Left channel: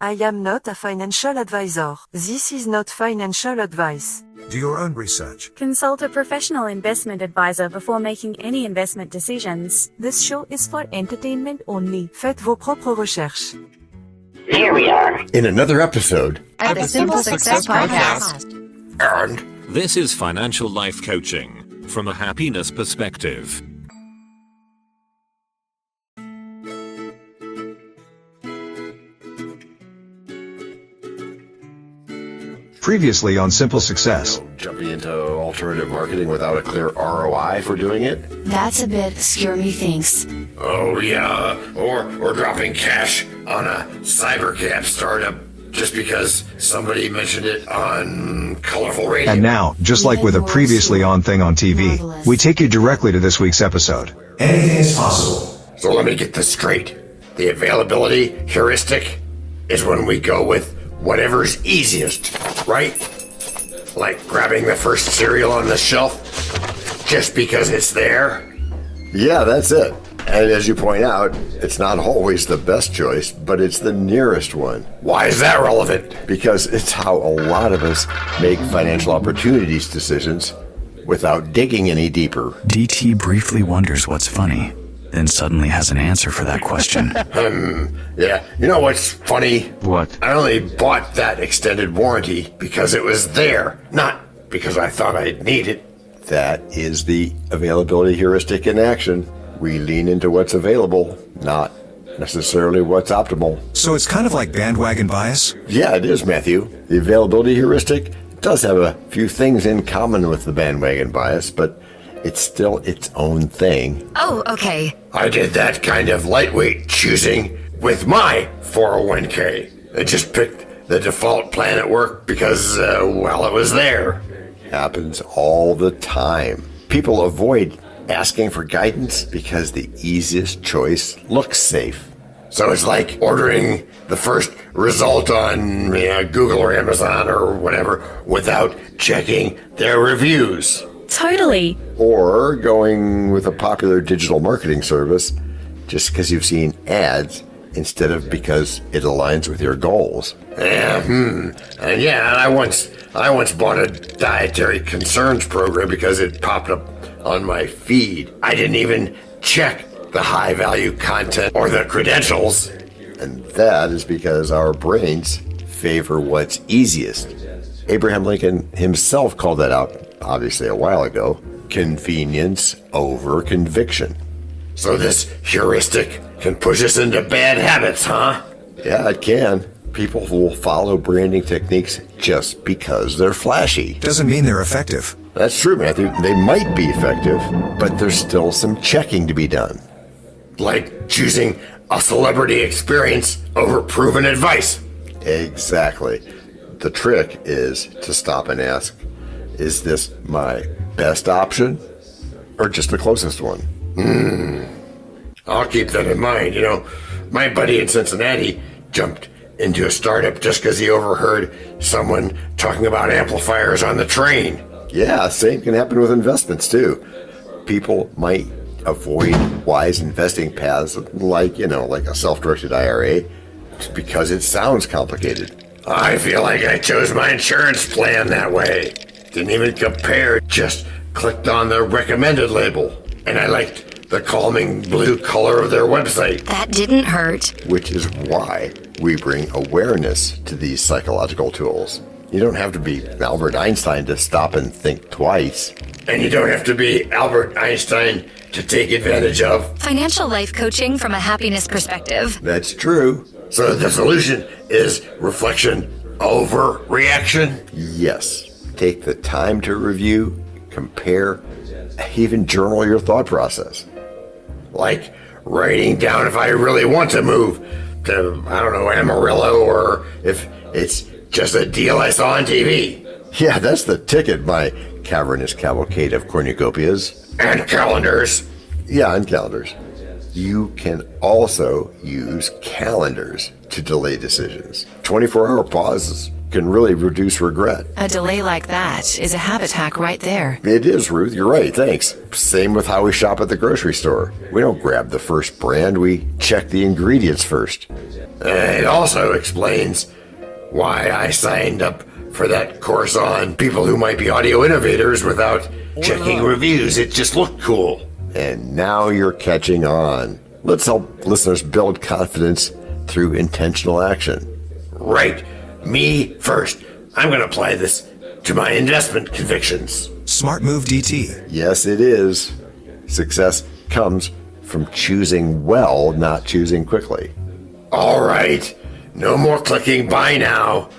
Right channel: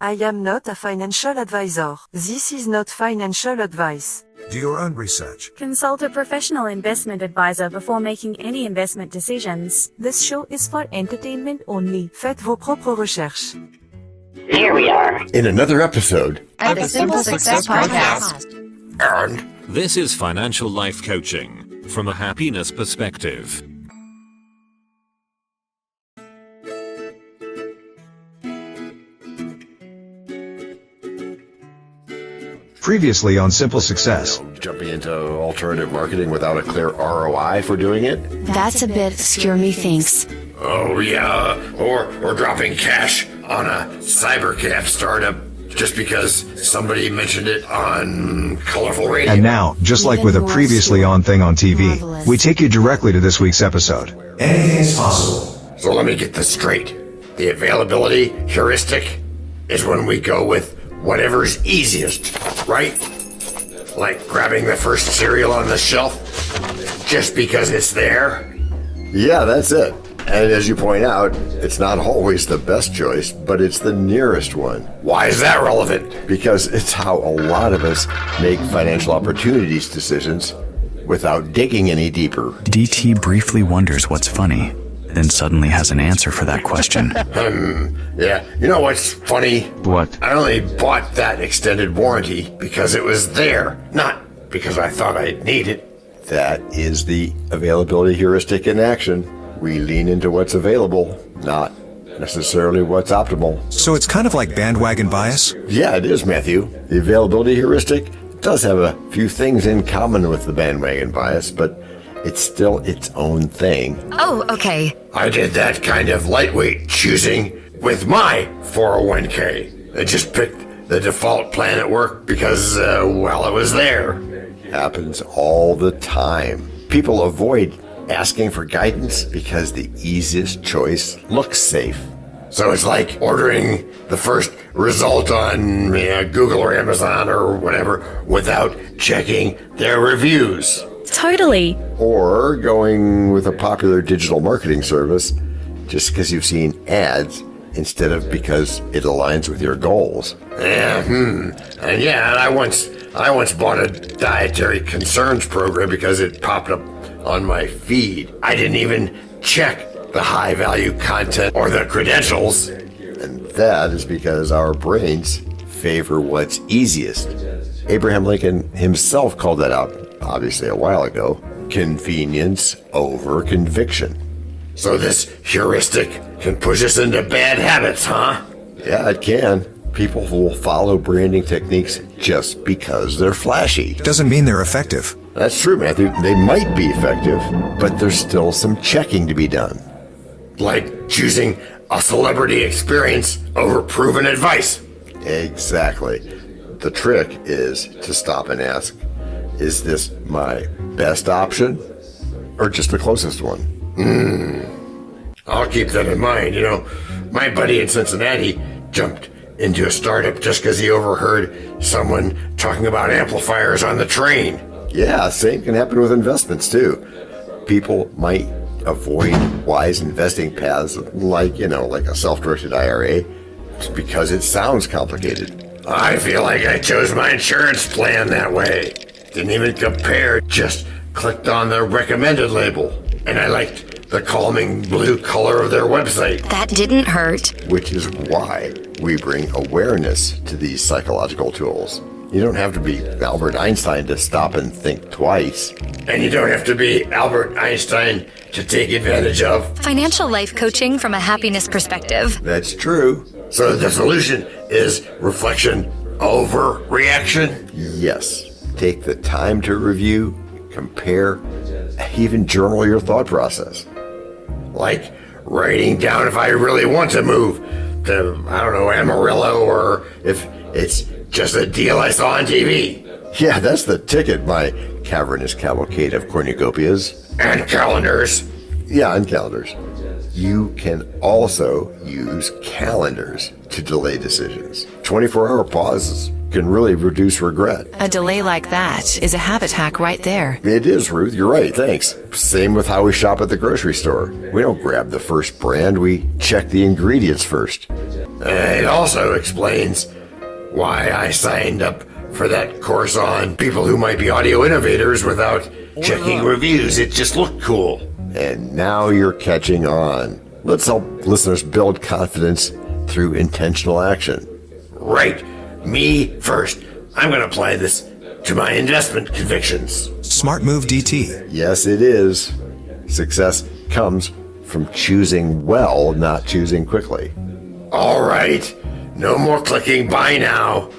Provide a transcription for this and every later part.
I am not a financial advisor. This is not financial advice. Do your own research. Consult a professional investment advisor before making any investment decisions. This show is for entertainment only. Faites vos propres recherches. Here we are in another episode at the Simple Success Podcast. And this is financial life coaching from a happiness perspective. Previously on Simple Success. Jumping into alternative marketing without a clear ROI for doing it? That's a bit scare me thinks. Oh yeah, or dropping cash on a cybercap startup just because somebody mentioned it on colorful radio. And now, just like with a previously on thing on TV, we take you directly to this week's episode. Anything is possible. So let me get this straight. The availability heuristic is when we go with whatever's easiest, right? Like grabbing the first cereal on the shelf just because it's there? Yeah, that's it. And as you point out, it's not always the best choice, but it's the nearest one. Why is that relevant? Because it's how a lot of us make financial opportunities decisions without digging any deeper. DT briefly wonders what's funny, then suddenly has an answer for that question. Yeah, you know what's funny? What? I only bought that extended warranty because it was there, not because I thought I'd need it. That is the availability heuristic in action. We lean into what's available, not necessarily what's optimal. So it's kind of like bandwagon bias? Yeah, it is, Matthew. The availability heuristic does have a few things in common with the bandwagon bias, but it's still its own thing. Oh, okay. I did that kind of lightweight choosing with my 401k. I just picked the default plan at work because, well, it was there. Happens all the time. People avoid asking for guidance because the easiest choice looks safe. So it's like ordering the first result on Google or Amazon or whatever without checking their reviews. Totally. Or going with a popular digital marketing service just because you've seen ads instead of because it aligns with your goals. And I once bought a dietary concerns program because it popped up on my feed. I didn't even check the high value content or the credentials. And that is because our brains favor what's easiest. Abraham Lincoln himself called that out, obviously a while ago. Convenience over conviction. So this heuristic can push us into bad habits, huh? Yeah, it can. People will follow branding techniques just because they're flashy. Doesn't mean they're effective. That's true, Matthew. They might be effective, but there's still some checking to be done. Like choosing a celebrity experience over proven advice. Exactly. The trick is to stop and ask, is this my best option or just the closest one? I'll keep that in mind. My buddy in Cincinnati jumped into a startup just because he overheard someone talking about amplifiers on the train. Yeah, same can happen with investments too. People might avoid wise investing paths like a self-directed IRA just because it sounds complicated. I feel like I chose my insurance plan that way. Didn't even compare, just clicked on the recommended label. And I liked the calming blue color of their website. That didn't hurt. Which is why we bring awareness to these psychological tools. You don't have to be Albert Einstein to stop and think twice. And you don't have to be Albert Einstein to take advantage of Financial life coaching from a happiness perspective. That's true. So the solution is reflection over reaction? Yes. Take the time to review, compare, even journal your thought process. Like writing down if I really want to move to, Amarillo, or if it's just a deal I saw on TV. Yeah, that's the ticket, my cavernous cavalcade of cornucopias. And calendars. Yeah, and calendars. You can also use calendars to delay decisions. 24-hour pauses can really reduce regret. A delay like that is a habit hack right there. It is, Ruth. You're right. Thanks. Same with how we shop at the grocery store. We don't grab the first brand. We check the ingredients first. It also explains why I signed up for that course on people who might be audio innovators without checking reviews. It just looked cool. And now you're catching on. Let's help listeners build confidence through intentional action. Right. Me first. I'm going to apply this to my investment convictions. Smart move, DT. Yes, it is. Success comes from choosing well, not choosing quickly. All right. No more clicking buy now,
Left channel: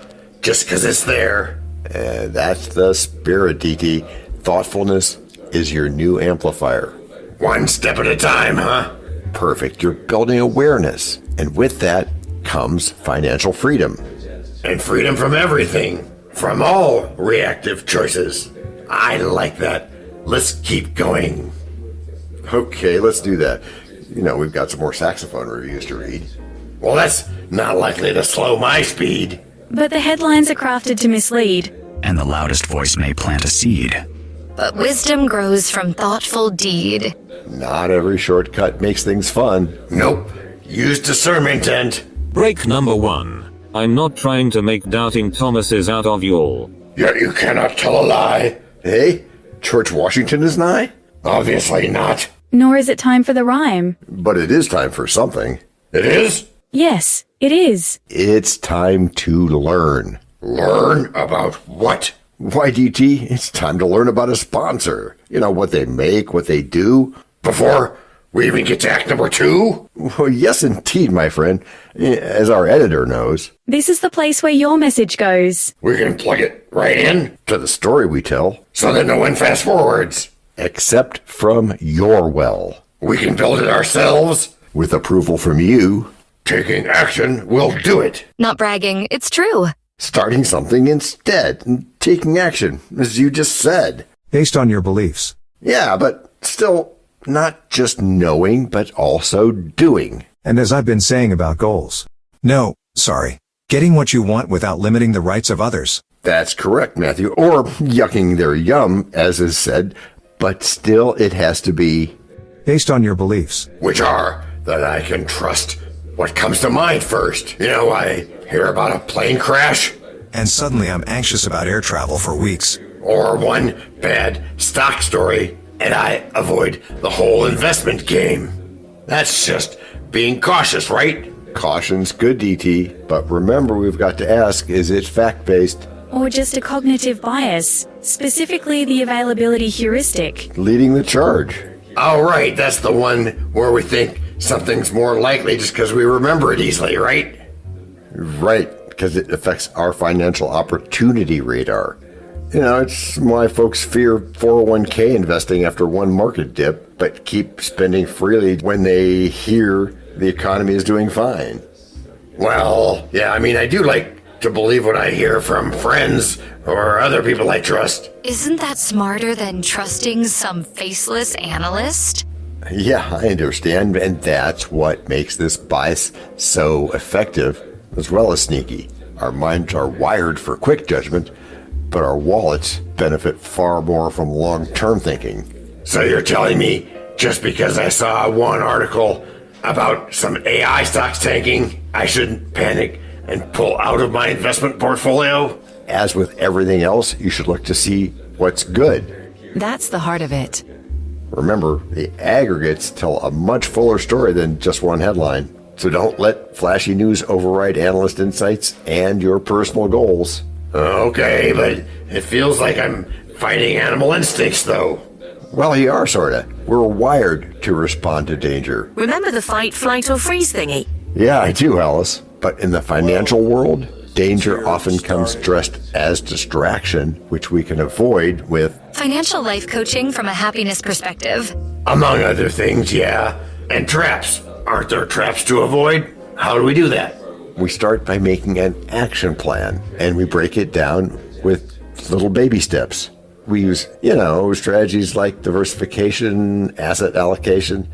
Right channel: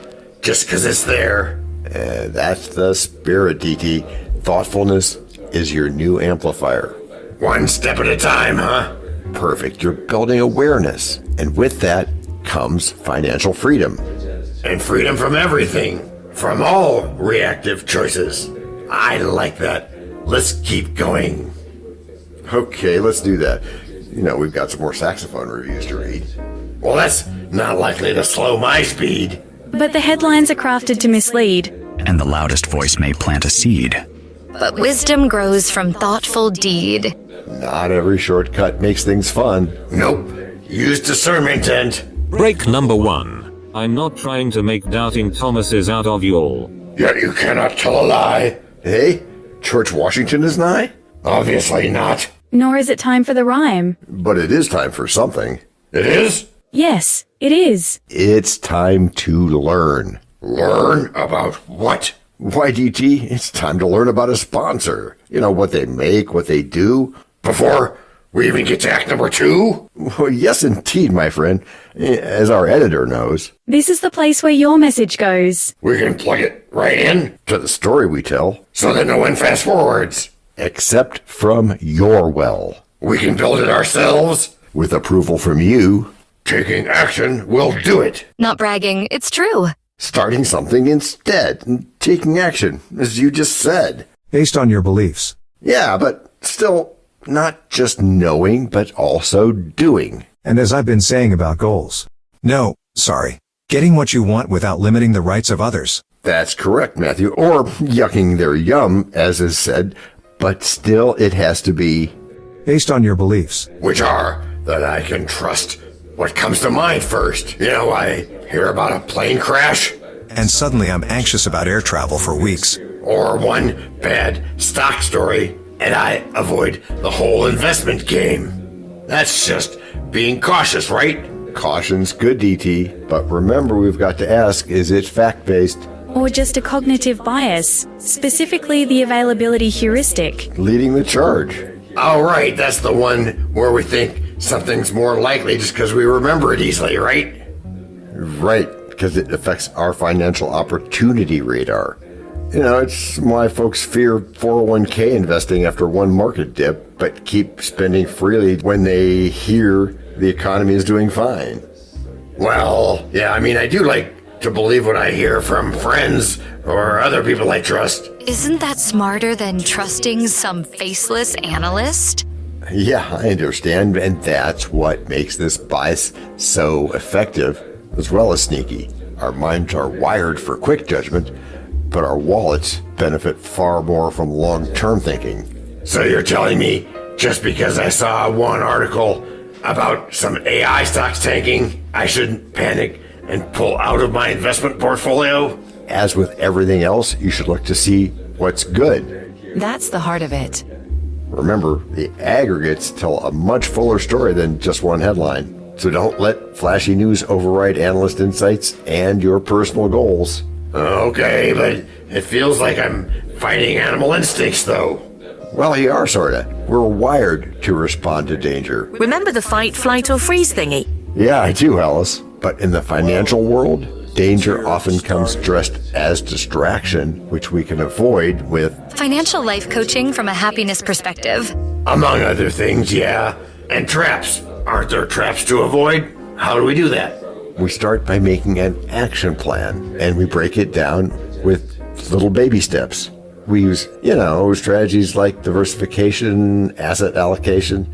just because it's there. And that's the spirit, DT. Thoughtfulness is your new amplifier. One step at a time, huh? Perfect. You're building awareness. And with that comes financial freedom. And freedom from everything. From all reactive choices. I like that. Let's keep going. Okay, let's do that. You know, we've got some more saxophone reviews to read. Well, that's not likely to slow my speed. But the headlines are crafted to mislead. And the loudest voice may plant a seed. But wisdom grows from thoughtful deed. Not every shortcut makes things fun. Nope. Use discernment and... Break number 1. I'm not trying to make doubting Thomases out of you all. Yet you cannot tell a lie. Hey, George Washington is nigh? Obviously not. Nor is it time for the rhyme. But it is time for something. It is? Yes, it is. It's time to learn. Learn about what? Why, DT, it's time to learn about a sponsor. You know, what they make, what they do. Before we even get to act number 2? Well, yes, indeed, my friend. As our editor knows. This is the place where your message goes. We can plug it right in to the story we tell, so that no one fast forwards. Except from your well. We can build it ourselves, with approval from you. Taking action will do it. Not bragging, it's true. Starting something instead, and taking action, as you just said. Based on your beliefs. Yeah, but still, not just knowing, but also doing. And as I've been saying about goals. No, sorry. Getting what you want without limiting the rights of others. That's correct, Matthew. Or yucking their yum, as is said. But still, it has to be... Based on your beliefs. Which are that I can trust what comes to mind first. You know, I hear about a plane crash. And suddenly I'm anxious about air travel for weeks. Or one bad stock story, and I avoid the whole investment game. That's just being cautious, right? Caution's good, DT. But remember, we've got to ask, is it fact-based? Or just a cognitive bias, specifically the availability heuristic. Leading the charge. Oh, right, that's the one where we think something's more likely just because we remember it easily, right? Right, because it affects our financial opportunity radar. You know, it's why folks fear 401k investing after one market dip, but keep spending freely when they hear the economy is doing fine. Well, yeah, I mean, I do like to believe what I hear from friends or other people I trust. Isn't that smarter than trusting some faceless analyst? Yeah, I understand, and that's what makes this bias so effective, as well as sneaky. Our minds are wired for quick judgment, but our wallets benefit far more from long-term thinking. So you're telling me, just because I saw one article about some AI stocks tanking, I shouldn't panic and pull out of my investment portfolio? As with everything else, you should look to see what's good. That's the heart of it. Remember, the aggregates tell a much fuller story than just one headline. So don't let flashy news override analyst insights and your personal goals. Okay, but it feels like I'm fighting animal instincts, though. Well, you are, sorta. We're wired to respond to danger. Remember the fight, flight, or freeze thingy? Yeah, I do, Alice. But in the financial world, danger often comes dressed as distraction, which we can avoid with... Financial life coaching from a happiness perspective. Among other things, yeah. And traps. Aren't there traps to avoid? How do we do that? We start by making an action plan, and we break it down with little baby steps. We use, strategies like diversification, asset allocation,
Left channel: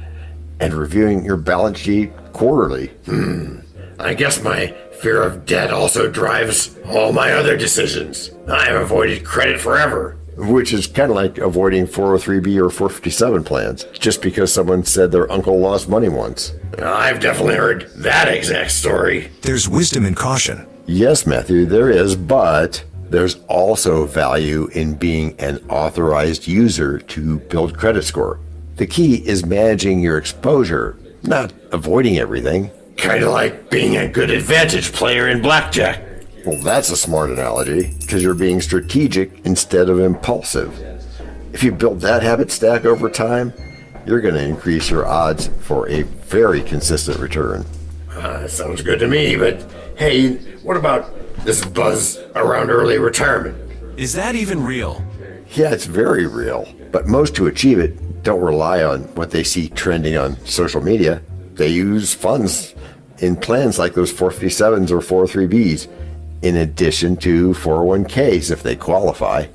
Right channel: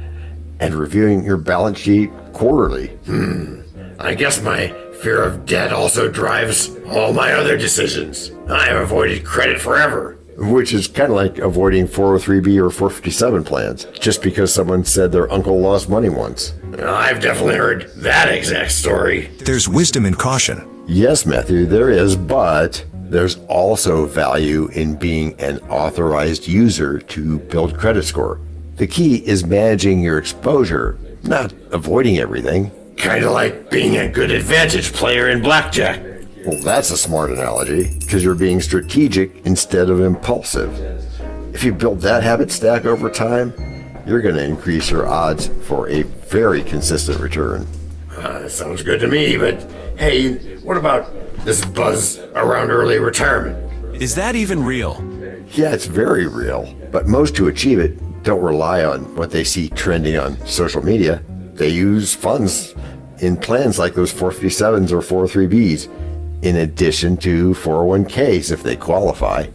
and reviewing your balance sheet quarterly. I guess my Fear of debt also drives all my other decisions. I have avoided credit forever. Which is kind of like avoiding 403B or 457 plans, just because someone said their uncle lost money once. I've definitely heard that exact story. There's wisdom in caution. Yes, Matthew, there is, but there's also value in being an authorized user to build credit score. The key is managing your exposure, not avoiding everything. Kind of like being a good advantage player in blackjack. Well, that's a smart analogy, because you're being strategic instead of impulsive. If you build that habit stack over time, you're going to increase your odds for a very consistent return. Sounds good to me, but hey, what about this buzz around early retirement? Is that even real? Yeah, it's very real, but most who achieve it don't rely on what they see trending on social media. They use funds in plans like those 457s or 403Bs. In addition to 401ks if they qualify.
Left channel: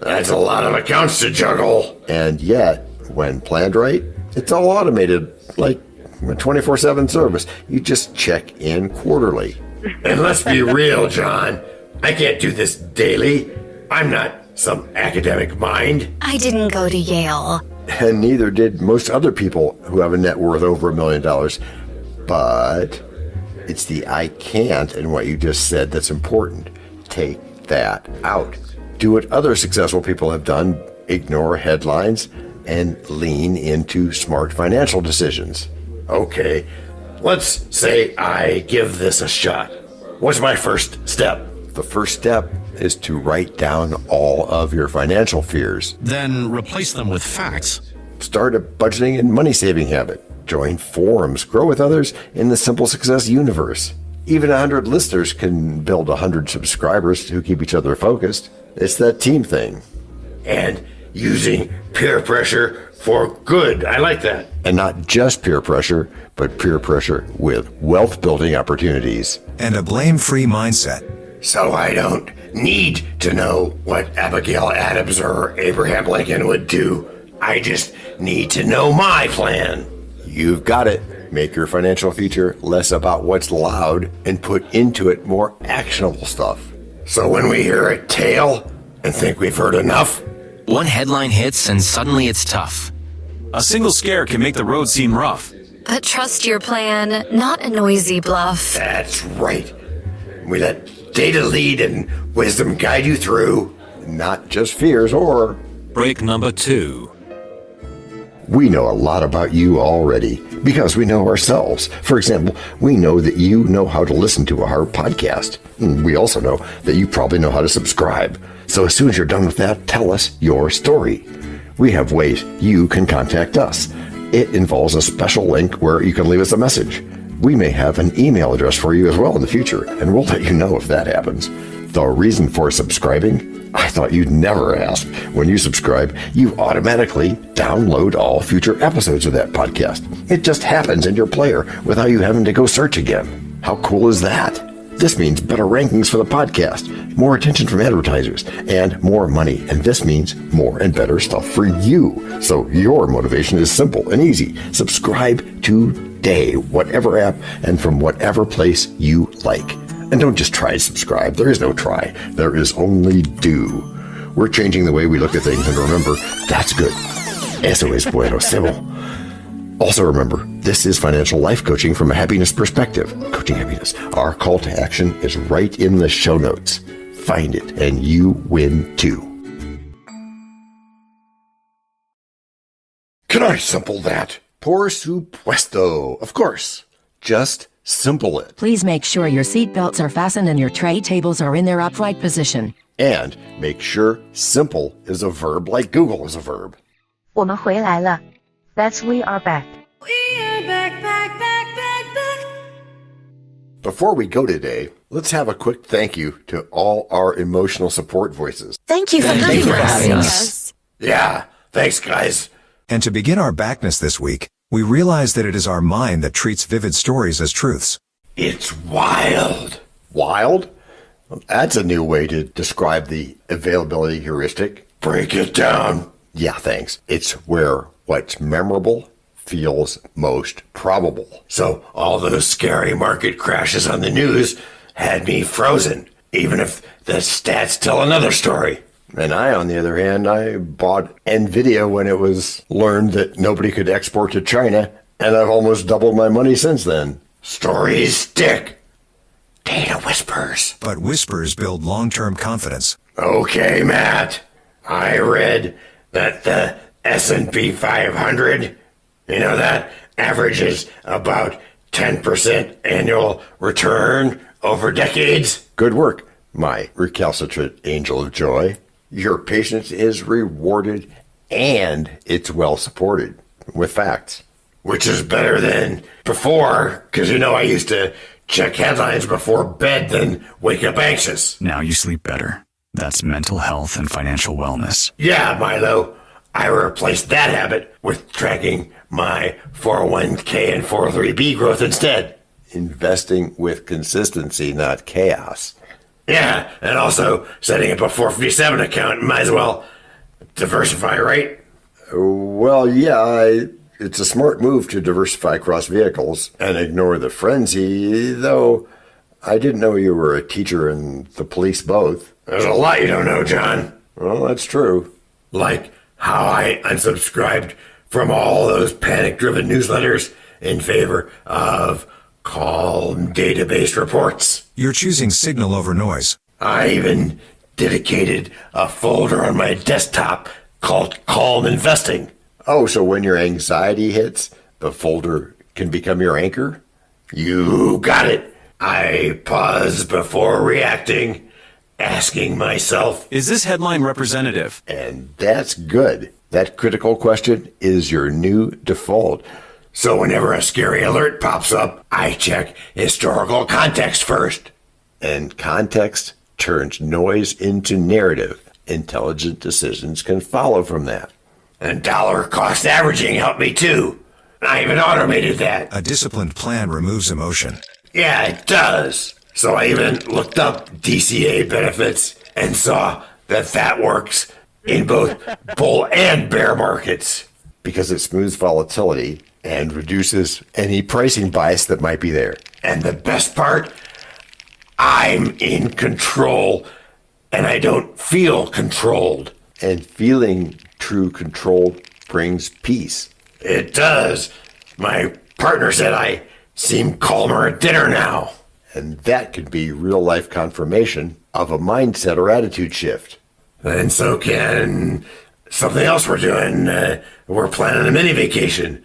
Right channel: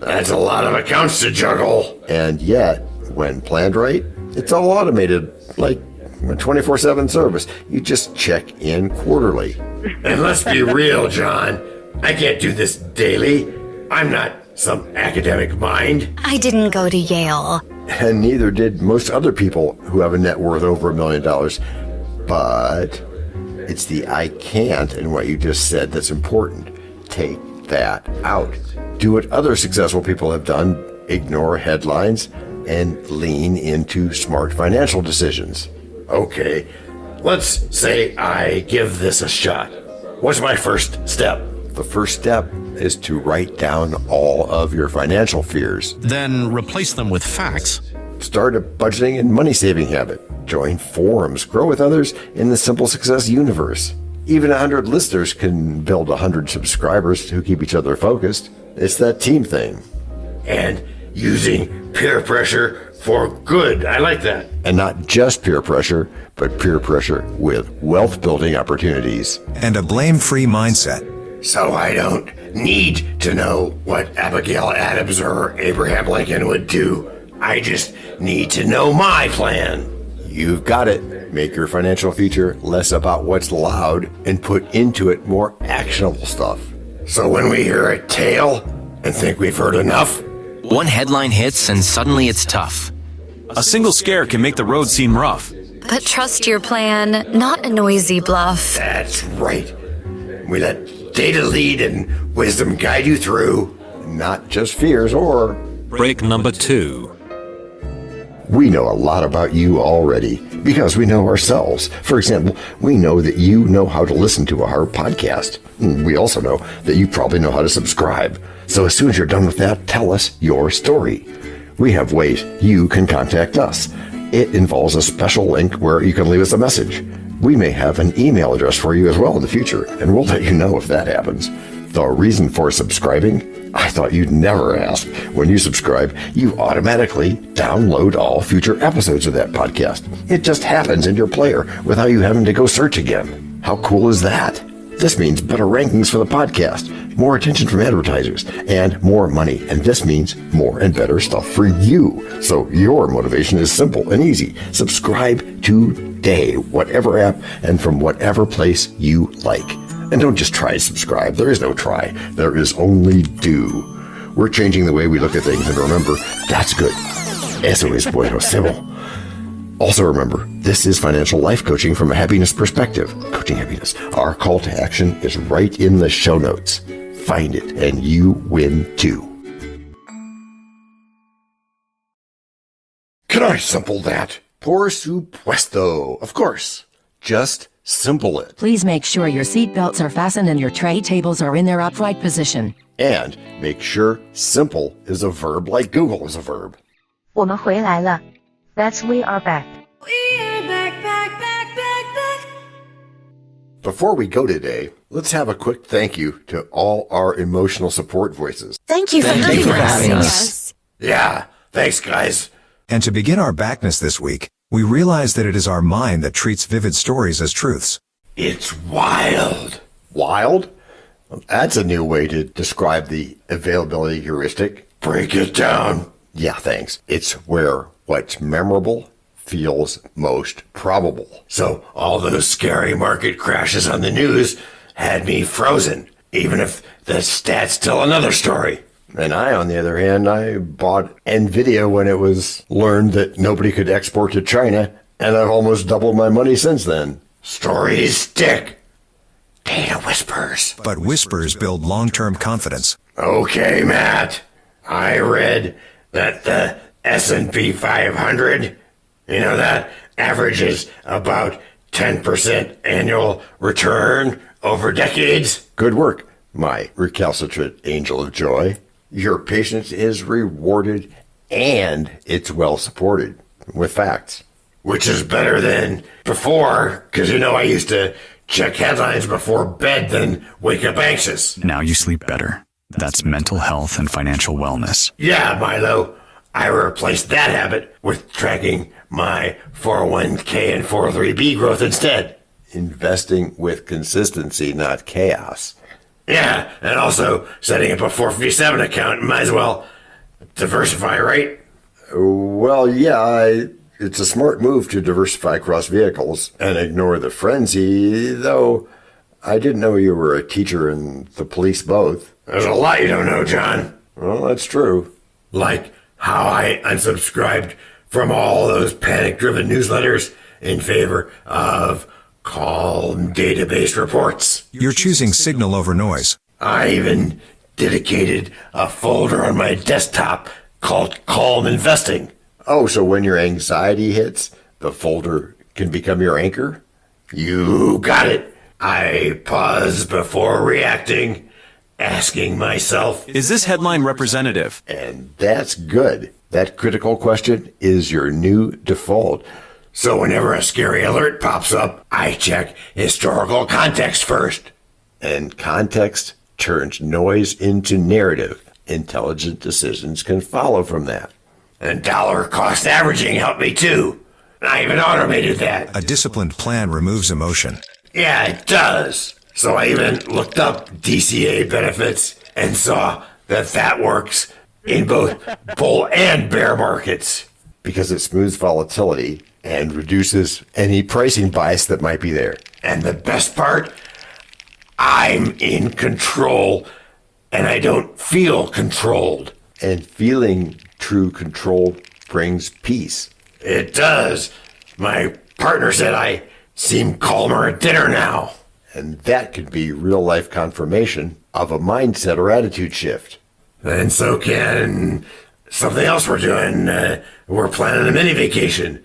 That's a lot of accounts to juggle. And yet, when planned right, it's all automated, like a 24/7 service. You just check in quarterly. And let's be real, John. I can't do this daily. I'm not some academic mind. I didn't go to Yale. And neither did most other people who have a net worth over $1 million. But it's the I can't in what you just said that's important. Take that out. Do what other successful people have done. Ignore headlines and lean into smart financial decisions. Okay, let's say I give this a shot. What's my first step? The first step is to write down all of your financial fears. Then replace them with facts. Start a budgeting and money saving habit. Join forums, grow with others in the Simple Success universe. Even 100 listeners can build 100 subscribers who keep each other focused. It's that team thing. And using peer pressure for good. I like that. And not just peer pressure, but peer pressure with wealth building opportunities. And a blame-free mindset. So I don't need to know what Abigail Adams or Abraham Lincoln would do. I just need to know my plan. You've got it. Make your financial future less about what's loud and put into it more actionable stuff. So when we hear a tale and think we've heard enough, one headline hits and suddenly it's tough. A single scare can make the road seem rough. But trust your plan, not a noisy bluff. That's right. We let data lead and wisdom guide you through, not just fears or... Break number 2. We know a lot about you already because we know ourselves. For example, we know that you know how to listen to our podcast. We also know that you probably know how to subscribe. So as soon as you're done with that, tell us your story. We have ways you can contact us. It involves a special link where you can leave us a message. We may have an email address for you as well in the future, and we'll let you know if that happens. The reason for subscribing? I thought you'd never ask. When you subscribe, you automatically download all future episodes of that podcast. It just happens in your player without you having to go search again. How cool is that? This means better rankings for the podcast, more attention from advertisers, and more money. And this means more and better stuff for you. So your motivation is simple and easy. Subscribe today, whatever app and from whatever place you like. And don't just try to subscribe. There is no try. There is only do. We're changing the way we look at things, and remember, that's good. Eso es bueno, Seagull. Also remember, this is financial life coaching from a happiness perspective. Coaching happiness. Our call to action is right in the show notes. Find it, and you win too. Can I simple that? Por supuesto. Of course. Just simple it. Please make sure your seatbelts are fastened and your tray tables are in their upright position. And make sure simple is a verb like Google is a verb. 我们回来了. That's we are back. Before we go today, let's have a quick thank you to all our emotional support voices. Thank you for having us. Yeah, thanks guys. And to begin our backness this week, we realize that it is our mind that treats vivid stories as truths. It's wild. Wild? That's a new way to describe the availability heuristic. Break it down. Yeah, thanks. It's where what's memorable feels most probable. So all those scary market crashes on the news had me frozen, even if the stats tell another story. And I, on the other hand, I bought NVIDIA when it was learned that nobody could export to China, and I've almost doubled my money since then. Stories stick. Data whispers. But whispers build long-term confidence. Okay, Matt. I read that the S&P 500, that averages about 10% annual return over decades. Good work, my recalcitrant angel of joy. Your patience is rewarded and it's well supported with facts. Which is better than before, because I used to check headlines before bed, then wake up anxious. Now you sleep better. That's mental health and financial wellness. Yeah, Milo. I replaced that habit with tracking my 401k and 403b growth instead. Investing with consistency, not chaos. Yeah, and also setting up a 457 account. Might as well diversify, right? Well, yeah, it's a smart move to diversify across vehicles and ignore the frenzy, though I didn't know you were a teacher and the police both. There's a lot you don't know, John. Well, that's true. Like how I unsubscribed from all those panic-driven newsletters in favor of calm database reports. You're choosing signal over noise. I even dedicated a folder on my desktop called Calm Investing. Oh, so when your anxiety hits, the folder can become your anchor? You got it. I pause before reacting, asking myself, is this headline representative? And that's good. That critical question is your new default. So whenever a scary alert pops up, I check historical context first. And context turns noise into narrative. Intelligent decisions can follow from that. And dollar cost averaging helped me too. I even automated that. A disciplined plan removes emotion. Yeah, it does. So I even looked up DCA benefits and saw that works in both bull and bear markets. Because it smooths volatility and reduces any pricing bias that might be there. And the best part, I'm in control and I don't feel controlled. And feeling true control brings peace. It does. My partner said I seem calmer at dinner now. And that could be real-life confirmation of a mindset or attitude shift. And so can something else we're doing. We're planning a mini vacation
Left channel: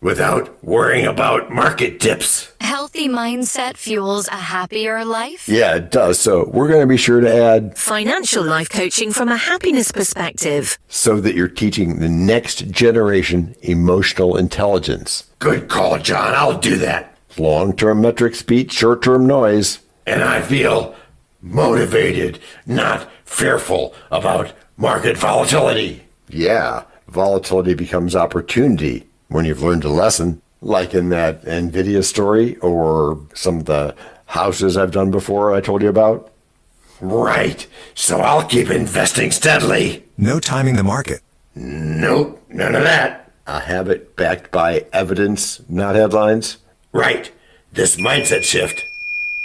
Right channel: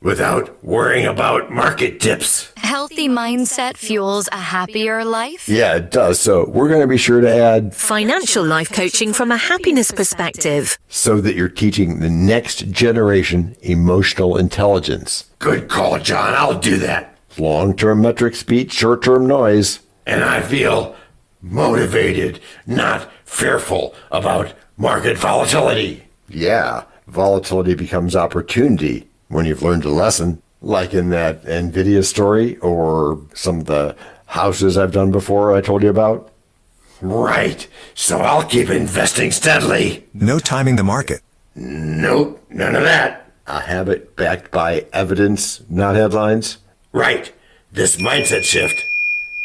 without worrying about market tips. Healthy mindset fuels a happier life? Yeah, it does. So we're going to be sure to add financial life coaching from a happiness perspective, so that you're teaching the next generation emotional intelligence. Good call, John. I'll do that. Long-term metrics beat short-term noise. And I feel motivated, not fearful about market volatility. Yeah, volatility becomes opportunity when you've learned a lesson, like in that NVIDIA story or some of the houses I've done before I told you about. Right. So I'll keep investing steadily. No timing the market. Nope, none of that. A habit backed by evidence, not headlines. Right. This mindset shift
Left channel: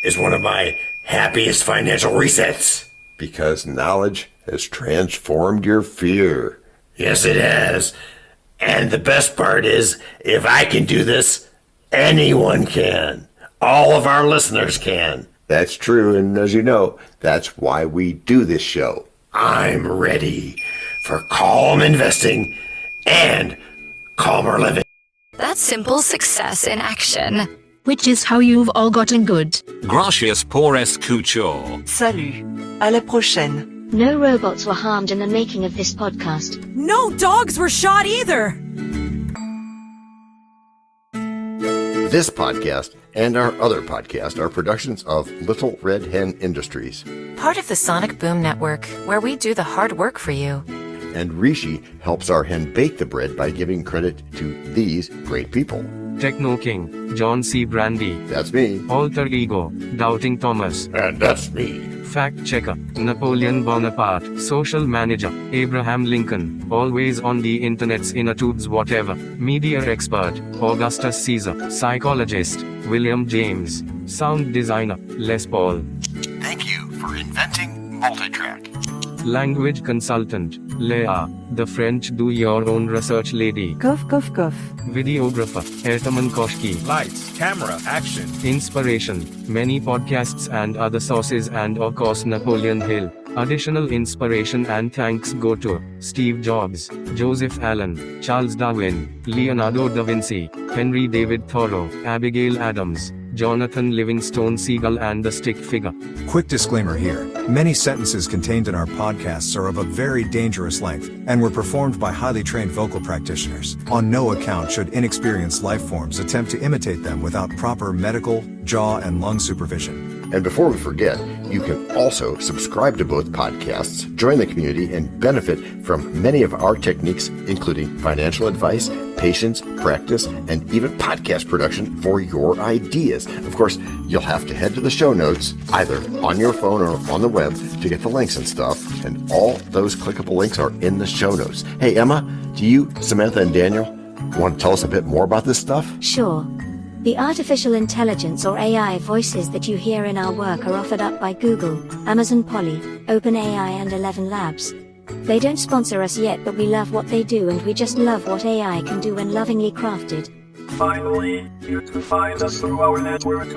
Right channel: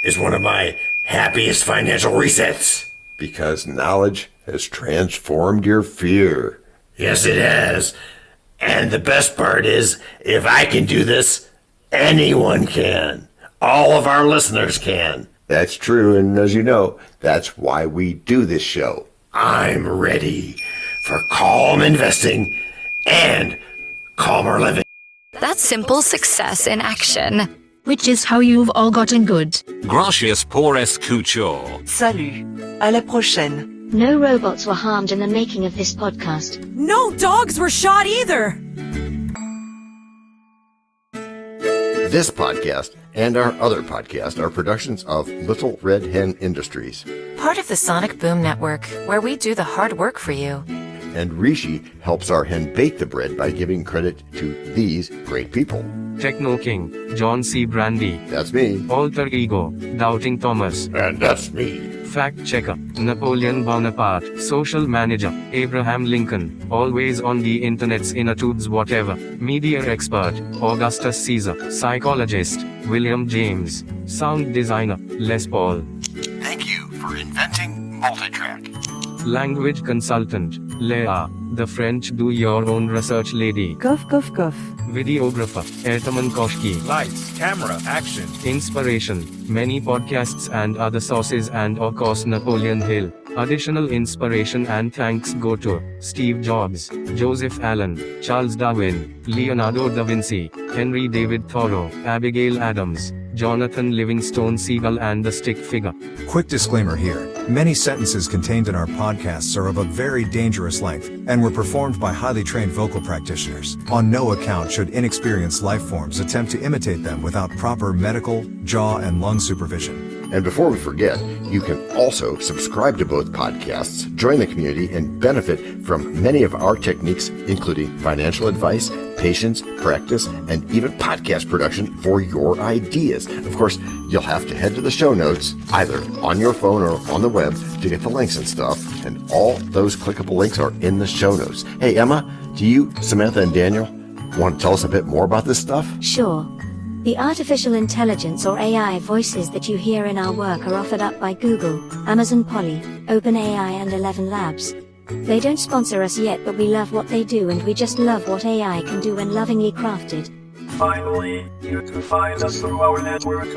is one of my happiest financial resets. Because knowledge has transformed your fear. Yes, it has. And the best part is, if I can do this, anyone can. All of our listeners can. That's true, and as you know, that's why we do this show. I'm ready for calm investing and calmer living. That's simple success in action. Which is how you've all gotten good. Gracias por escuchar. Salut. À la prochaine. No robots were harmed in the making of this podcast. No dogs were shot either. This podcast and our other podcast are productions of Little Red Hen Industries. Part of the Sonic Boom Network, where we do the hard work for you. And Rishi helps our hen bake the bread by giving credit to these great people. Techno King, John Brandy. That's me. Alter Ego, Doubting Thomas. And that's me. Fact Checker, Napoleon Bonaparte. Social Manager, Abraham Lincoln. Always on the internet's inner tubes whatever. Media Expert, Augustus Caesar. Psychologist, William James. Sound designer, Les Paul. Thank you for inventing multitrack. Language consultant, Leah, the French do-your-own research lady. Cough, cough, cough. Videographer, Ertaman Koshki. Lights, camera, action. Inspiration, many podcasts and other sources, and of course Napoleon Hill. Additional inspiration and thanks go to Steve Jobs, Joseph Allen, Charles Darwin, Leonardo da Vinci, Henry David Thoreau, Abigail Adams, Jonathan Livingstone Seagull, and the Stick Figure. Quick disclaimer here. Many sentences contained in our podcasts are of a very dangerous length, and were performed by highly trained vocal practitioners. On no account should inexperienced life forms attempt to imitate them without proper medical, jaw, and lung supervision. And before we forget, you can also subscribe to both podcasts, join the community, and benefit from many of our techniques, including financial advice, patience, practice, and even podcast production for your ideas. Of course, you'll have to head to the show notes, either on your phone or on the web, to get the links and stuff, and all those clickable links are in the show notes. Hey, Emma, do you, Samantha, and Daniel want to tell us a bit more about this stuff? Sure. The artificial intelligence or AI voices that you hear in our work are offered up by Google, Amazon Polly, OpenAI, and ElevenLabs. They don't sponsor us yet, but we love what they do, and we just love what AI can do when lovingly crafted. Finally, you can find us through our network.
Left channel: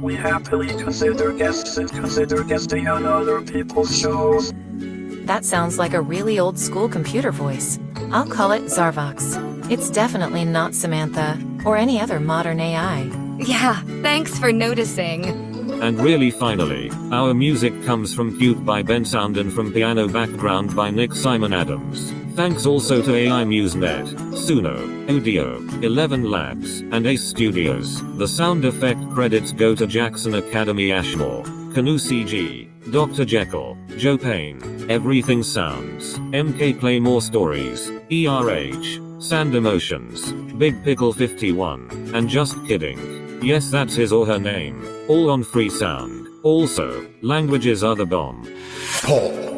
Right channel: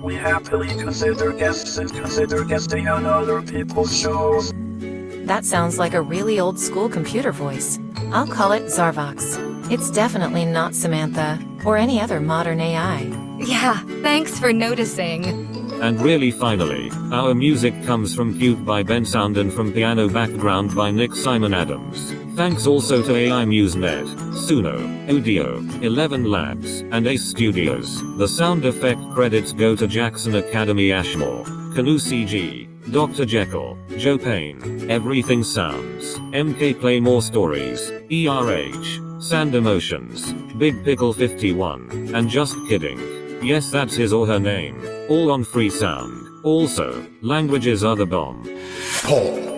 We happily consider guests and consider guesting on other people's shows. That sounds like a really old school computer voice. I'll call it Zarvox. It's definitely not Samantha, or any other modern AI. Yeah, thanks for noticing. And really finally, our music comes from Cute by Ben Sound and from Piano Background by Nick Simon Adams. Thanks also to AI MuseNet, Suno, Audio, ElevenLabs, and Ace Studios. The sound effect credits go to Jackson Academy Ashmore, Canoe CG, Dr. Jekyll, Joe Payne, Everything Sounds, MK Claymore Stories, ERH, Sand Emotions, Big Pickle 51, and Just Kidding. Yes, that's his or her name. All on free sound. Also, languages are the bomb. Paul.